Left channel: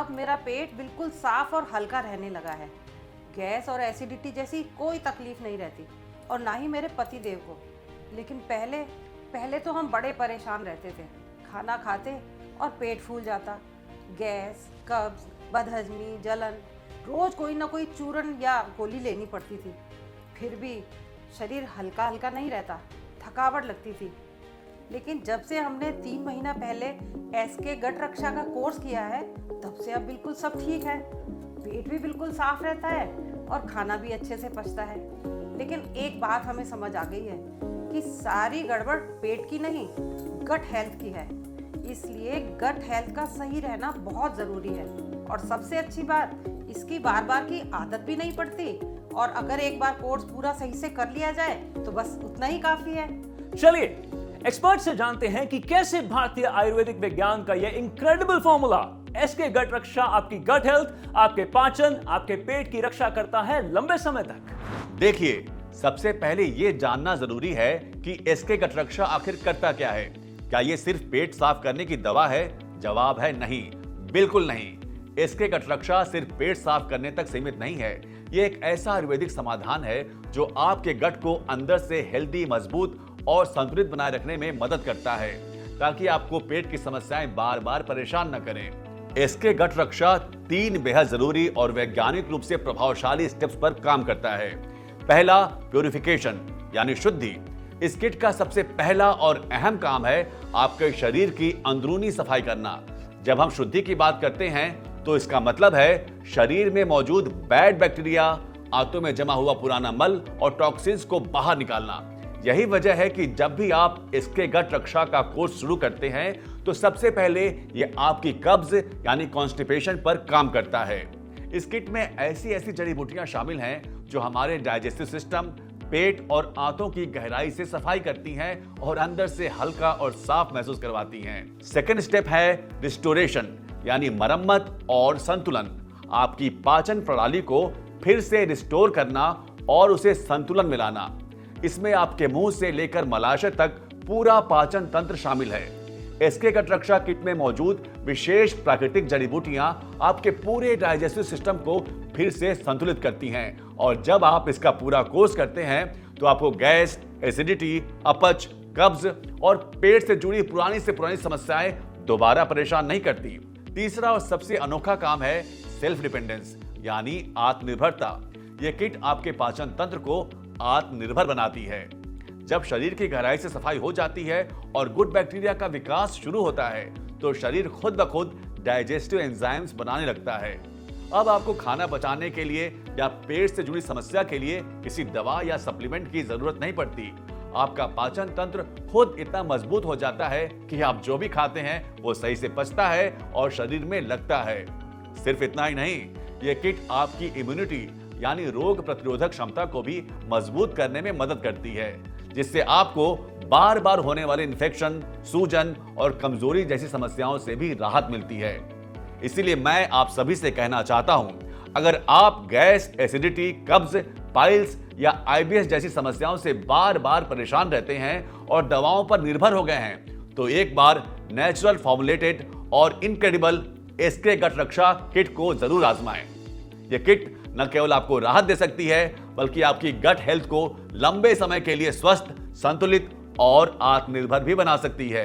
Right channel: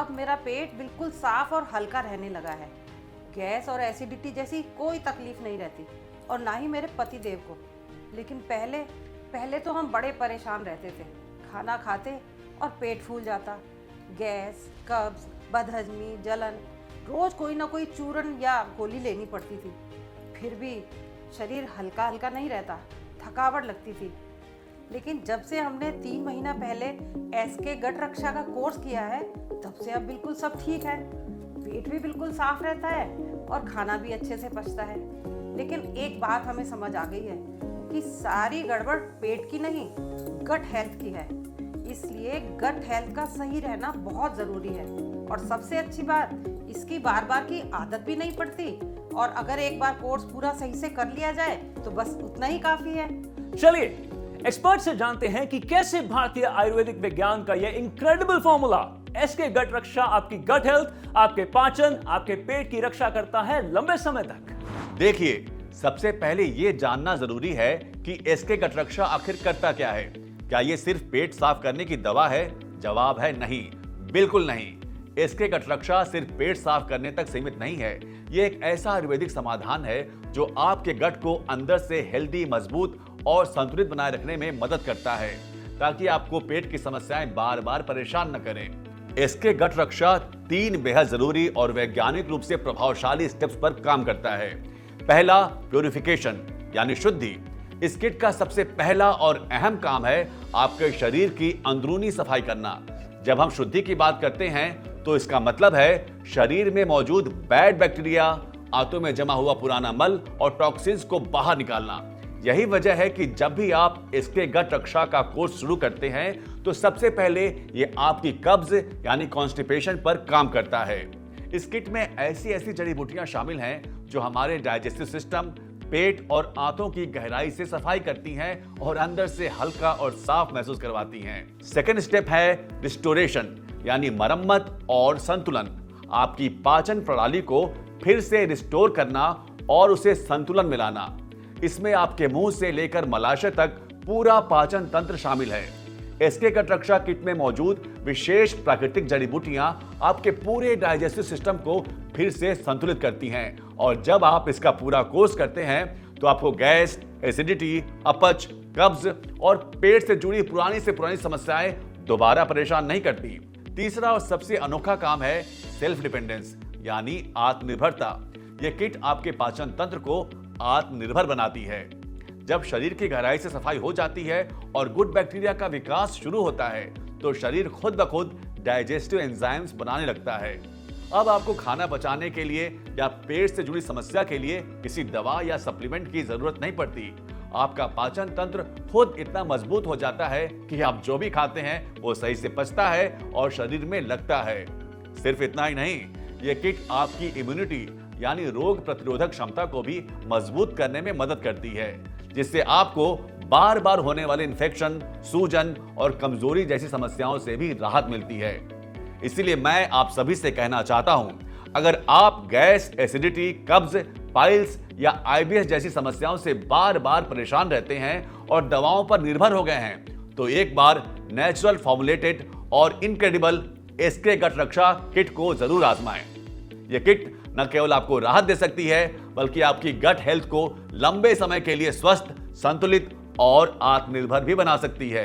अब मेरा पेट बिल्कुल साफ और हल्का रहने लगा है। गैस और एसिडिटी जैसी कोई तकलीफ नहीं रहती, और ना ही मेरे पति देव को। लेकिन पहले तो हम बड़े परेशान रहते थे। खाना खाते और पेट फूल जाता, गैस, कब्ज, बदहजमी, जलन, रोज कोई ना कोई चूरन या गोली लेनी पड़ती थी। फिर भी शरीर हल्का हल्का नहीं रहता, थकावट लगती थी। लेकिन जब से हमने 3 महीना पहले एसके गट रक्षा का कोर्स किया है, तब से अब बिल्कुल सब ठीक है। पेट भी बिल्कुल साफ रहता है और खाना भी अच्छे से पचता है। लेकिन एक बात हमें समझ आ गई है कि सारी गड़बड़ पेट की नहीं, गट हेल्थ की है। इसलिए गट हेल्थ का सही रहना बहुत जरूरी है। और सबसे अच्छी बात, इसकी बार बार की आदत भी नहीं पड़ती। और अगर एक बार कोर्स पूरा सही से कर लिया जाए तो बस उतना ही काफी है। चलिए एक्सपर्ट से जानते हैं कि कैसे भारतीय आयुर्वेदिक विज्ञान का यह इनक्रेडिबल फॉर्मूला एसके गट रक्षा आपकी गट हेल्थ, आपके पाचन, आपके पेट की रक्षा करता है लंबे समय तक। देखिए, सबसे पहले ये जानना जरूरी है कि एसके गट रक्षा आखिर करता क्या है। क्या ये सिर्फ पेट साफ करने की दवा है? जवाब है नहीं, बिल्कुल नहीं। एसके गट रक्षा सिर्फ पेट साफ करने तक सीमित नहीं है। ये एक ऐसा आयुर्वेदिक समाधान है जो आपके गट को अंदर से हेल्दी, मजबूत और संतुलित बनाए रखने में मदद करता है, ताकि आपको पेट की समस्याएं बार बार परेशान न करें। इसके गट रक्षा 3 बेहद जरूरी और वैज्ञानिक रूप से प्रभावशाली स्टेप्स पर काम करता है। पहला, प्यूरिफिकेशन यानी शुद्धि। इस किट का सबसे पहला और अहम काम है आपके शरीर की अंदरूनी सफाई करना। जब हम शुद्धि की बात करते हैं तो इसका मतलब है शरीर में मौजूद बैड बैक्टीरिया, आंतों में जमा हुआ पुराना मल और टॉक्सिन्स को बाहर निकालना। यही वजह है कि जब भी आप इसके गट रक्षा का कोर्स शुरू करते हैं तो सबसे पहले ये आपकी कब्ज यानी कॉन्स्टिपेशन पर काम करता है। इस किट में ऐसी जड़ी बूटियां शामिल हैं जो हमारे डाइजेस्टिव सिस्टम, पेट और आंतों की गहराई से सफाई करती हैं और अंदर से हल्का और साफ महसूस करवाती हैं। सेकेंड स्टेप है रिस्टोरेशन यानी मरम्मत और संतुलन। आपकी पाचन प्रणाली को फिर से रिस्टोर करना और उसे संतुलन मिलाना। इसमें आपके मुंह से लेकर मलाशय तक पूरा पाचन तंत्र शामिल है। एसके गट रक्षा किट में मौजूद विशेष प्राकृतिक जड़ी बूटियां आपके पूरे डाइजेस्टिव सिस्टम को फिर से संतुलित करती हैं। और जब आप इसका पूरा कोर्स करते हैं तो आपको गैस, एसिडिटी, अपच, कब्ज और पेट से जुड़ी पुरानी से पुरानी समस्याएं दोबारा परेशान नहीं करती। तीसरा और सबसे अनोखा काम है सेल्फ डिपेंडेंस यानी आत्मनिर्भरता। यह किट आपके पाचन तंत्र को आत्मनिर्भर बनाती है। जब शरीर की गहराई से सफाई हो जाती है और गुड बैक्टीरिया का विकास शुरू होता है तो शरीर खुद ब खुद डाइजेस्टिव एंजाइम्स बनाने लगता है। अब आपको खाना पचाने के लिए या पेट से जुड़ी समस्या के लिए किसी दवा या सप्लीमेंट की जरूरत नहीं पड़ती। आपका पाचन तंत्र खुद इतना मजबूत हो जाता है कि आप जो भी खाते हैं वो सही से पचता है और शरीर में लगता है। सिर्फ इतना ही नहीं, ये किट आपकी इम्यूनिटी यानी रोग प्रतिरोधक क्षमता को भी मजबूत करने में मदद करती है, जिससे आपको बार बार होने वाले इन्फेक्शन, सूजन और कमजोरी जैसी समस्याओं से भी राहत मिलती है। इसीलिए मैं आप सभी से कहना चाहता हूं, अगर आप गैस, एसिडिटी, कब्ज, पाइल्स या आईबीएस जैसी समस्याओं से बार बार परेशान रहते हैं और दवाओं पर निर्भर हो गए हैं, तो एक बार नेचुरल फॉर्मुलेटेड और इनक्रेडिबल एसके गट रक्षा किट को जरूर आजमाएं। यह किट न केवल आपको राहत दे सकती है बल्कि आपकी गट हेल्थ को लंबे समय के लिए स्वस्थ, संतुलित और आत्मनिर्भर भी बना सकती है।